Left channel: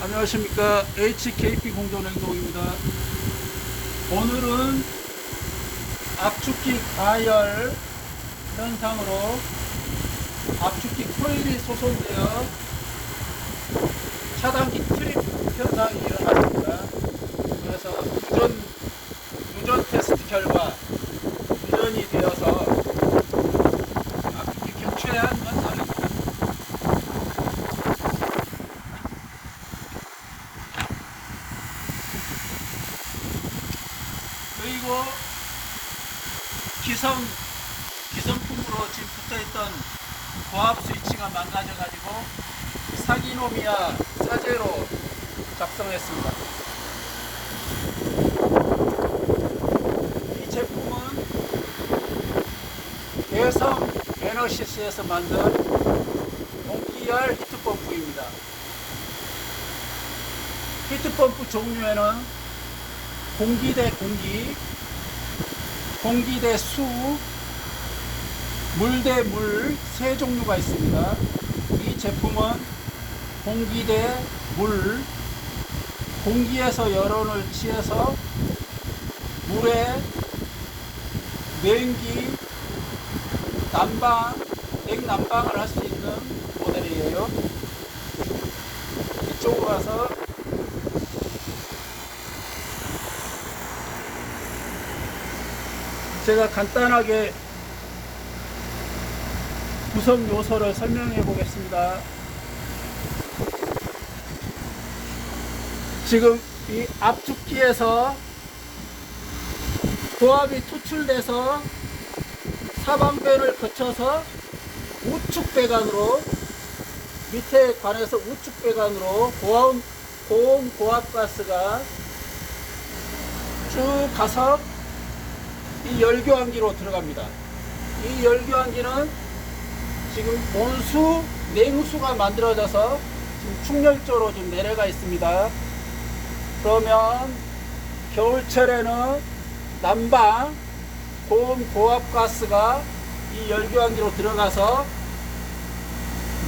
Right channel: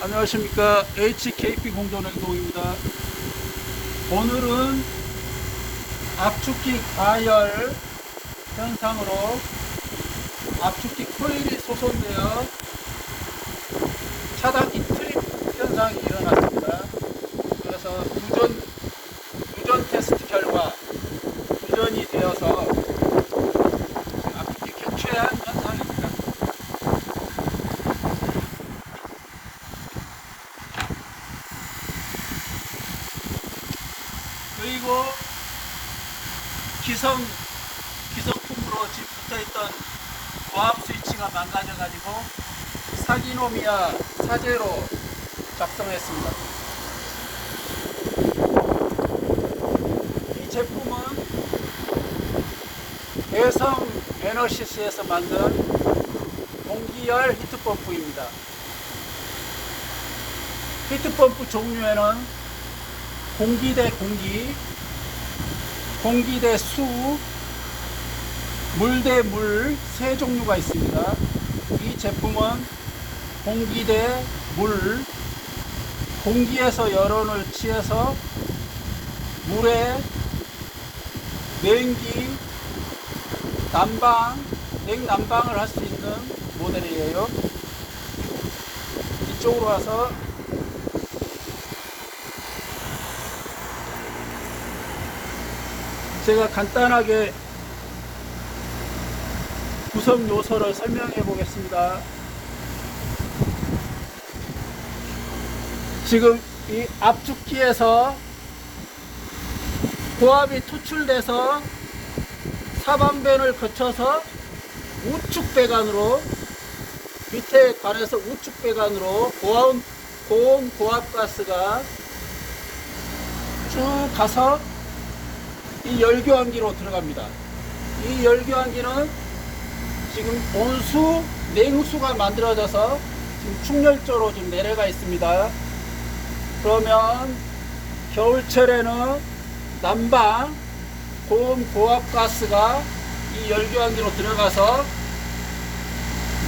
안녕하십니까. HKP 공조냉동입니다. 오늘은 압축기 가열 현상으로 압축기 코일이 소선되어 차단기 트립 현상이 일어났습니다. 그래서 누전 테스트 결과 누전이 되어서 압축기 교체한 현상입니다. 그리고 기성품으로 지금 붙어있던 고압 스위치가 망가져가지고 사기노미아 사제로 작성했습니다. 이 제품은 대성 에너시스에서 만든 공기열 히트펌프입니다. 히트펌프 종류에는 공기 대 공기, 공기 대 수, 물 대 물 세 종류가 있습니다. 이 제품은 공기 대 물, 공기에서 열원을 취해서 물에 냉기, 냉난방을 할 수 있는 모델이에요. 이쪽으로 와서 제가 간단하게 구성 요소를 설명해 보겠습니다. 지금 이 압축기에서 고압이 투출돼서 사방변을 거쳐서 우측 배관으로, 밑에 관해서 우측 배관으로 고온 고압 가스가 쭉 가서 이 열교환기로 들어갑니다. 이 열교환기는 지금 온수, 냉수가 만들어져서 지금 충렬조로 지금 내려가 있습니다. 그러면 겨울철에는 난방, 고온 고압 가스가 이 열교환기로 들어가서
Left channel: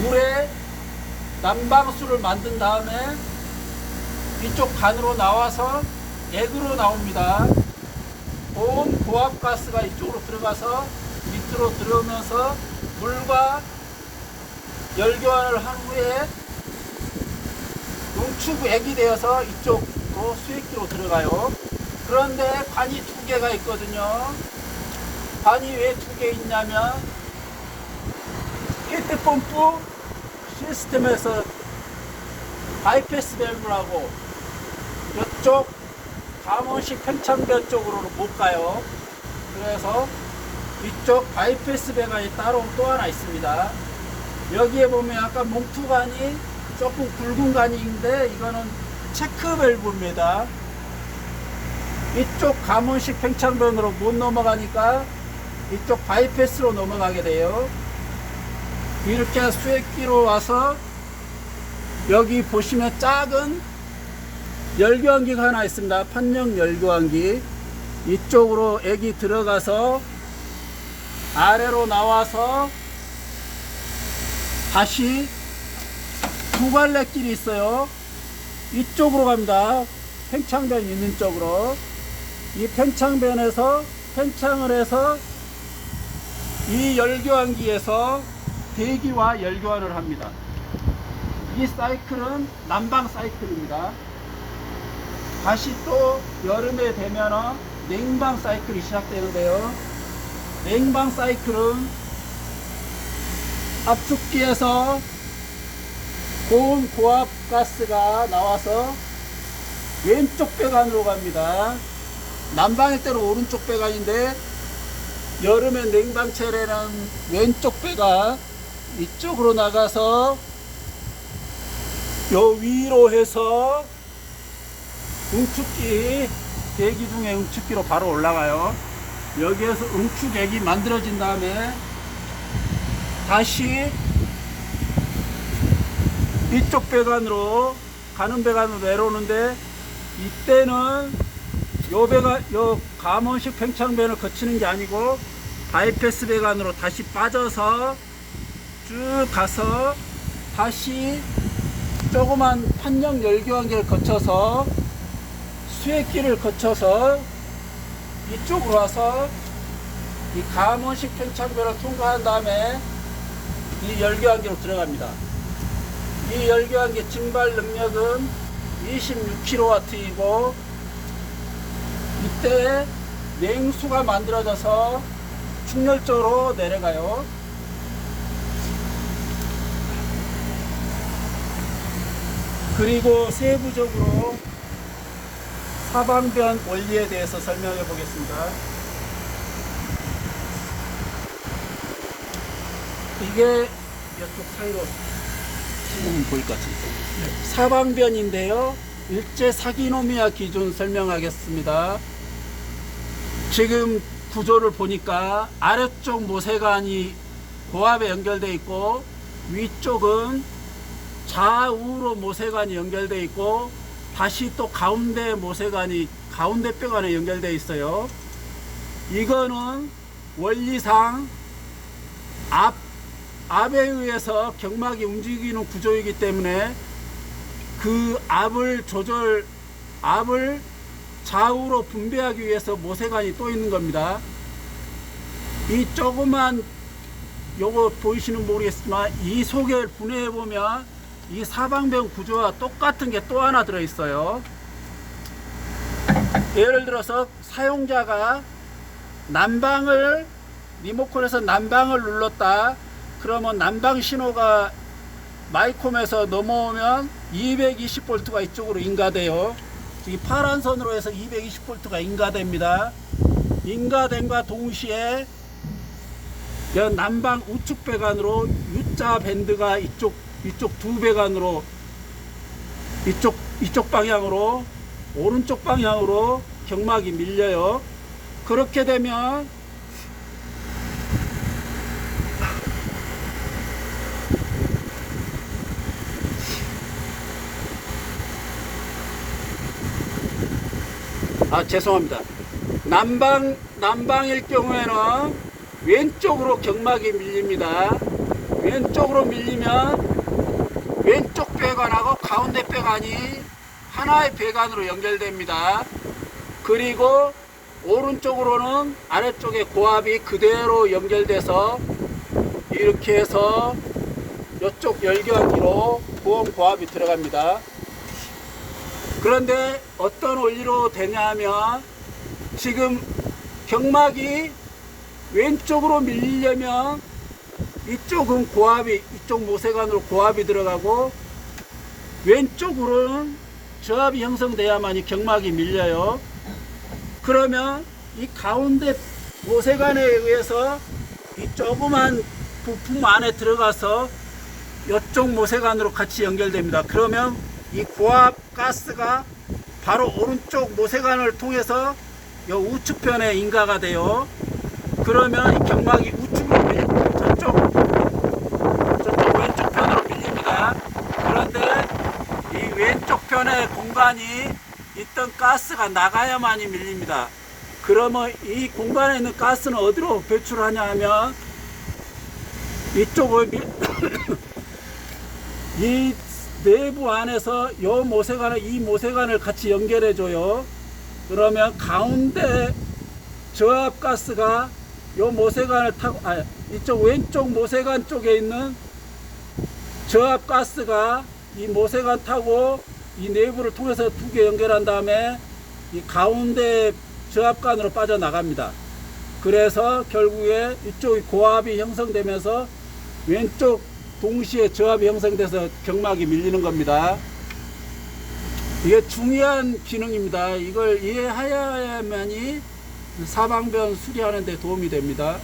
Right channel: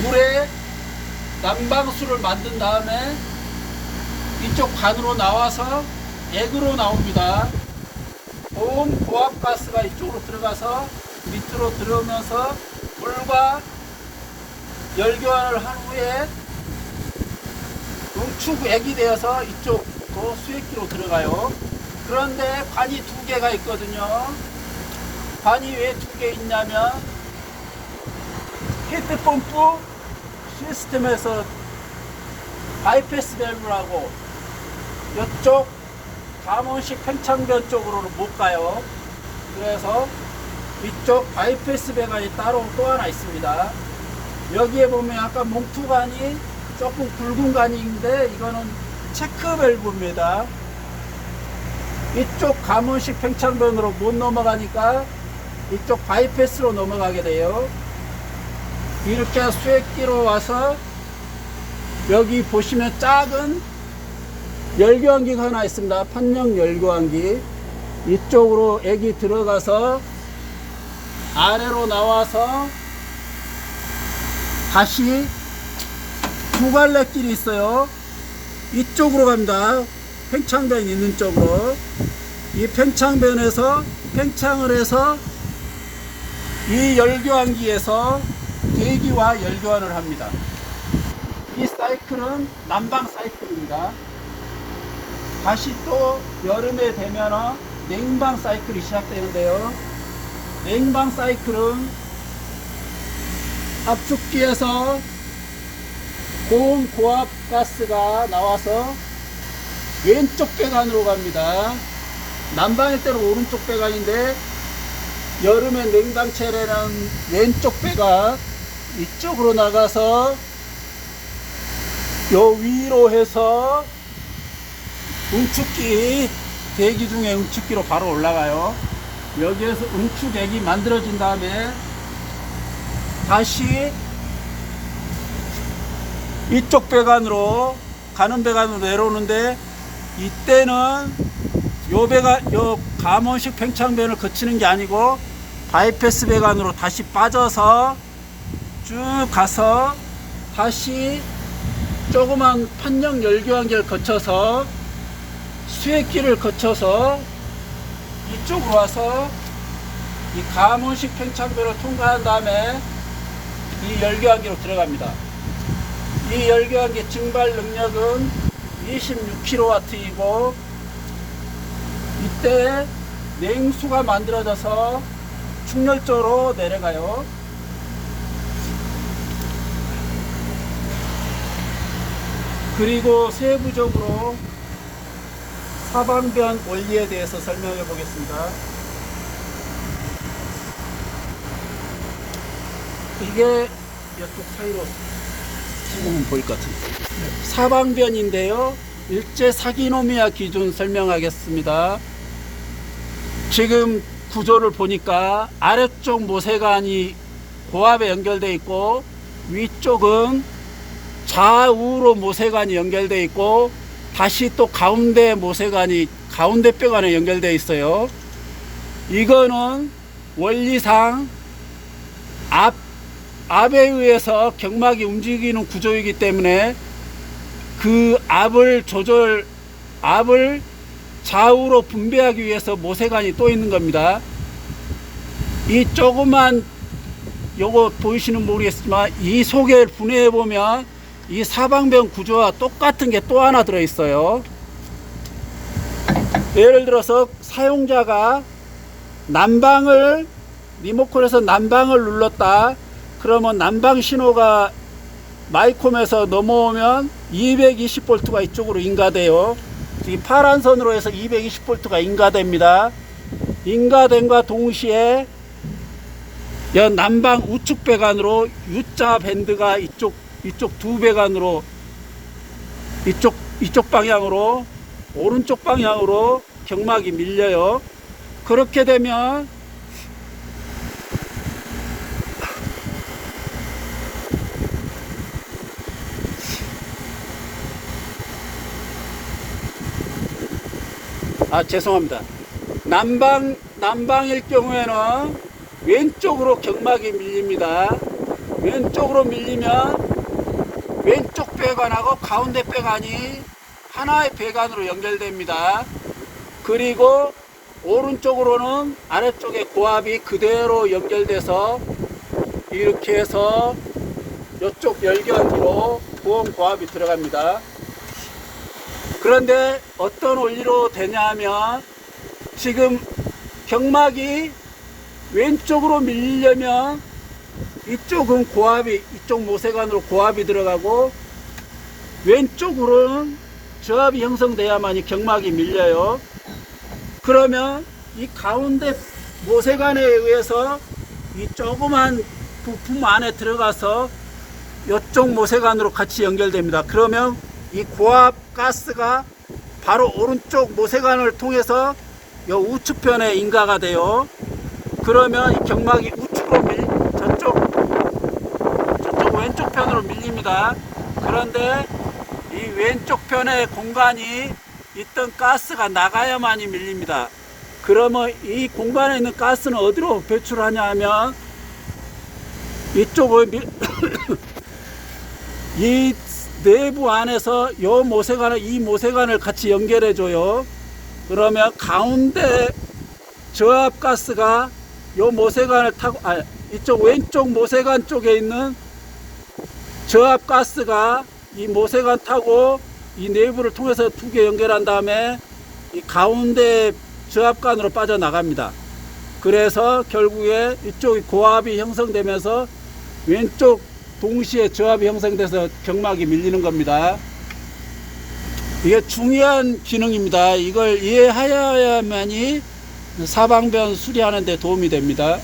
물에 난방수를 만든 다음에 이쪽 관으로 나와서 액으로 나옵니다. 고온 고압 가스가 이쪽으로 들어가서 밑으로 들어오면서 물과 열교환을 한 후에 응축액이 되어서 이쪽으로 수입기로 들어가요. 그런데 관이 두 개가 있거든요. 관이 왜 두 개 있냐면 히트펌프 시스템에서 바이패스 밸브라고 이쪽 감원식 팽창변 쪽으로는 못 가요. 그래서 이쪽 바이패스 배관이 따로 또 하나 있습니다. 여기에 보면 약간 몽투관이 조금 굵은 관이 있는데 이거는 체크 밸브입니다. 이쪽 감원식 팽창변으로 못 넘어가니까 이쪽 바이패스로 넘어가게 돼요. 이렇게 수액기로 와서 여기 보시면 작은 열교환기가 하나 있습니다. 판형 열교환기. 이쪽으로 액이 들어가서 아래로 나와서 다시 두 갈래길이 있어요. 이쪽으로 갑니다. 팽창변이 있는 쪽으로. 이 팽창변에서 팽창을 해서 이 열교환기에서 대기와 열교환을 합니다. 이 사이클은 난방 사이클입니다. 다시 또 여름에 되면 냉방 사이클이 시작되는데요. 냉방 사이클은 압축기에서 고온 고압 가스가 나와서 왼쪽 배관으로 갑니다. 난방일 때는 오른쪽 배관인데 여름에 냉방철에는 왼쪽 배관 이쪽으로 나가서 요 위로 해서 응축기, 대기 중에 응축기로 바로 올라가요. 여기에서 응축액이 만들어진 다음에 다시 이쪽 배관으로 가는 배관으로 내려오는데 이때는 요 감원식 팽창변을 거치는 게 아니고 바이패스 배관으로 다시 빠져서 쭉 가서 다시 조그만 판정 열교환기를 거쳐서 수액기를 거쳐서 이쪽으로 와서 이 가문식 팽창배를 통과한 다음에 이 열교환기로 들어갑니다. 이 열교환기 증발 능력은 26kW이고 이때 냉수가 만들어져서 충렬적으로 내려가요. 그리고 세부적으로 사방변 원리에 대해서 설명해 보겠습니다. 이게 이쪽 사이로 보면 보일 것 같은데 사방변인데요. 일제 사기노미아 기준 설명하겠습니다. 지금 구조를 보니까 아래쪽 모세관이 고압에 연결되어 있고 위쪽은 좌우로 모세관이 연결되어 있고 다시 또 가운데 모세관이 가운데 뼈관에 연결되어 있어요. 이거는 원리상 압에 의해서 경막이 움직이는 구조이기 때문에 그 압을 좌우로 분배하기 위해서 모세관이 또 있는 겁니다. 이 조그만 요거 보이시는 모르겠지만 이 속에 분해해 보면 이 사방변 구조와 똑같은 게 또 하나 들어 있어요. 예를 들어서 사용자가 난방을 리모컨에서 난방을 눌렀다. 그러면 난방 신호가 마이콤에서 넘어오면 220V가 이쪽으로 인가돼요. 이 파란 선으로 해서 220V가 인가됩니다. 인가됨과 동시에 난방 우측 배관으로 U자 밴드가 이쪽 두 배관으로 이쪽 방향으로 오른쪽 방향으로 경막이 밀려요. 그렇게 되면 죄송합니다. 난방일 경우에는 왼쪽으로 경막이 밀립니다. 왼쪽으로 밀리면 왼쪽 배관하고 가운데 배관이 하나의 배관으로 연결됩니다. 그리고 오른쪽으로는 아래쪽에 고압이 그대로 연결돼서 이렇게 해서 이쪽 열교환기로 보온 고압이 들어갑니다. 그런데 어떤 원리로 되냐 하면 지금 경막이 왼쪽으로 밀리려면 이쪽은 고압이 이쪽 모세관으로 고압이 들어가고 왼쪽으로는 저압이 형성돼야만이 경막이 밀려요. 그러면 이 가운데 모세관에 의해서 이 조그만 부품 안에 들어가서 이쪽 모세관으로 같이 연결됩니다. 그러면 이 고압 가스가 바로 오른쪽 모세관을 통해서 이 우측편에 인가가 돼요. 그러면 이 경막이 우측으로 저쪽 왼쪽 편으로 밀립니다. 그런데 이 왼쪽 편의 공간이 있던 가스가 나가야만이 밀립니다. 그러면 이 공간에 있는 가스는 어디로 배출하냐 하면 이쪽을 이 내부 안에서 이 모세관을 같이 연결해 줘요. 그러면 가운데 저압 가스가 이 모세관을 타고 이쪽 왼쪽 모세관 쪽에 있는 저압 가스가 이 모세관 타고 이 내부를 통해서 두 개 연결한 다음에 이 가운데 저압관으로 빠져나갑니다. 그래서 결국에 이쪽이 고압이 형성되면서 왼쪽 동시에 저압이 형성돼서 경막이 밀리는 겁니다. 이게 중요한 기능입니다. 이걸 이해하여야만이 사방변 수리하는 데 도움이 됩니다.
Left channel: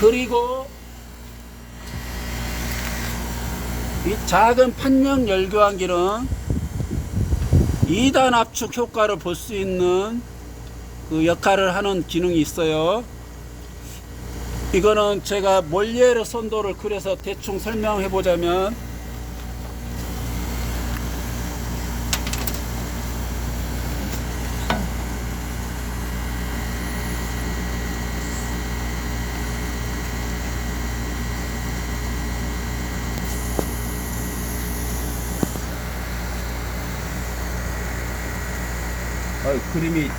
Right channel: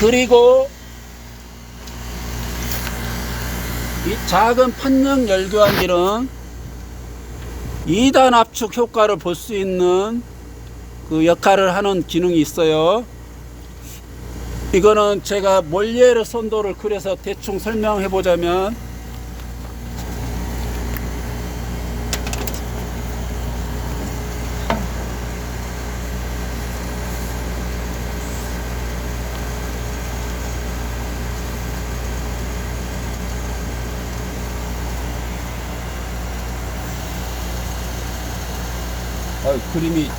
그리고 이 작은 판형 열교환기는 2단 압축 효과를 볼 수 있는 그 역할을 하는 기능이 있어요. 이거는 제가 몰리에르 선도를 그려서 대충 설명해 보자면 그림이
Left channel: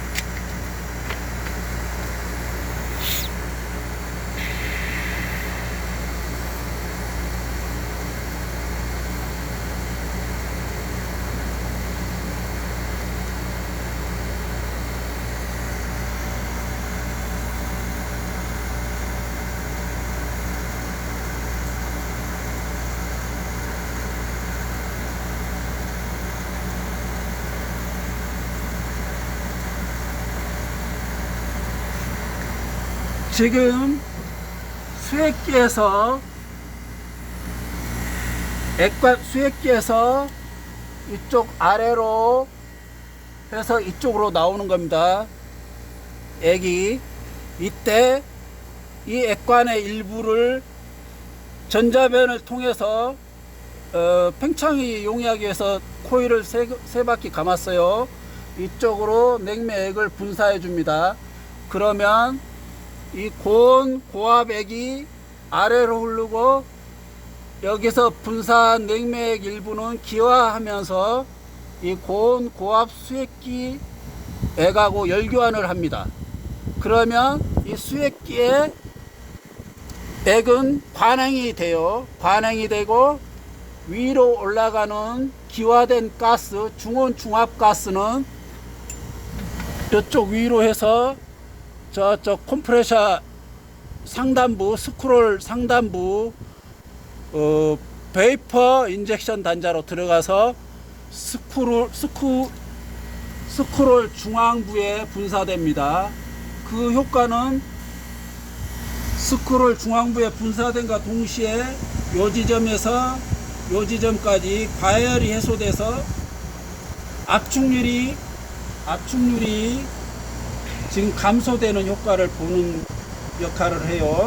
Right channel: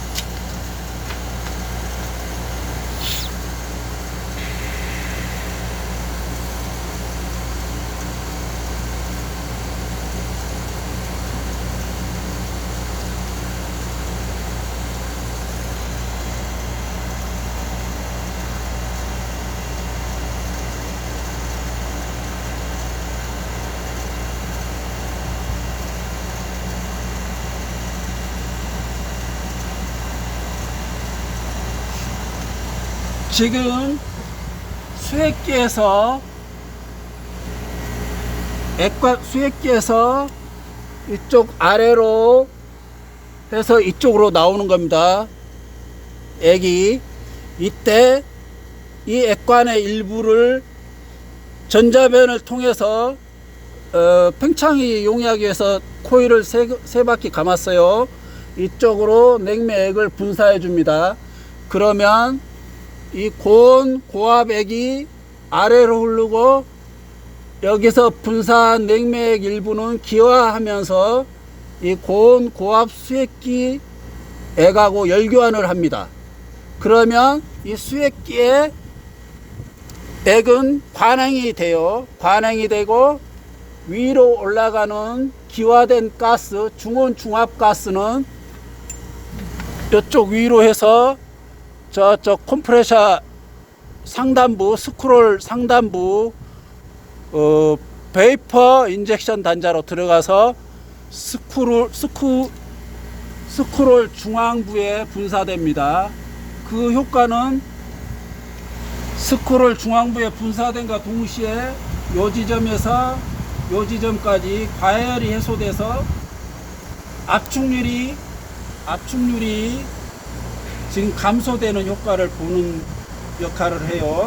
지금 수액기에서 수액기에서 이쪽 아래로 해서 이쪽으로 나오는 겁니다. 액이 이때 이 액관의 일부를 전자변을 통해서 팽창이 용이하기 위해서 코일을 세 바퀴 감았어요. 이쪽으로 냉매액을 분사해 줍니다. 그러면 이 고온 고압액이 아래로 흐르고 여기서 분사한 냉매액 일부는 기화하면서 이 고온 고압 수액기 액하고 열교환을 합니다. 그러면 이 수액기의 액은 관행이 돼요. 관행이 되고 위로 올라가는 기화된 가스, 중온 중압 가스는 이쪽 위로 해서 저쪽 컴프레셔 상단부, 스크롤 상단부 베이퍼 인젝션 단자로 들어가서 스크롤 중앙부에 분사됩니다. 그 효과는 스크롤 중앙부에 분사된과 동시에 요 지점에서 요 지점까지 과열이 해소돼서 압축률이 지금 감소되는 효과를 보는 역할을 해요.